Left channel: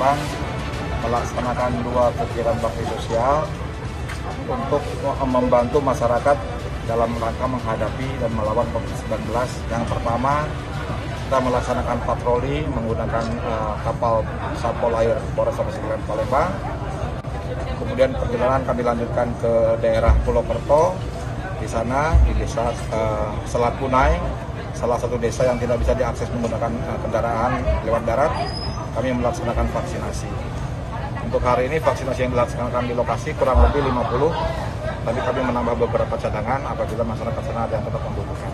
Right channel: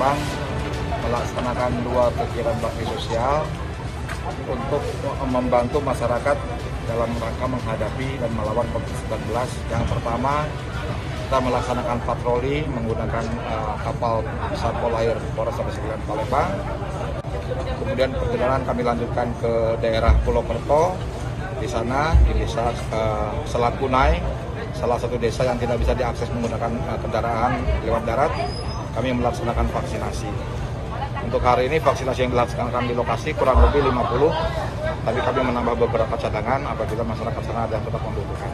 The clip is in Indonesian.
Palembang melaksanakan 2 kegiatan bakti sosial untuk membantu masyarakat dalam rangka menghadapi dan melawan COVID-19. Yang pertama, kita melaksanakan patroli menggunakan kapal Satpol Air Polres Kabupaten Palembang. Kemudian perjalanan kami lanjutkan ke daerah Pulau Kerto. Di sana di desa Selat Punai, salah satu desa yang tidak bisa diakses menggunakan kendaraan lewat darat, kami melaksanakan vaksinasi. Untuk hari ini vaksinasi yang dilaksanakan di lokasi kurang lebih 50, tapi kami menambah beberapa cadangan apabila masyarakat sana ada yang tetap membutuhkan.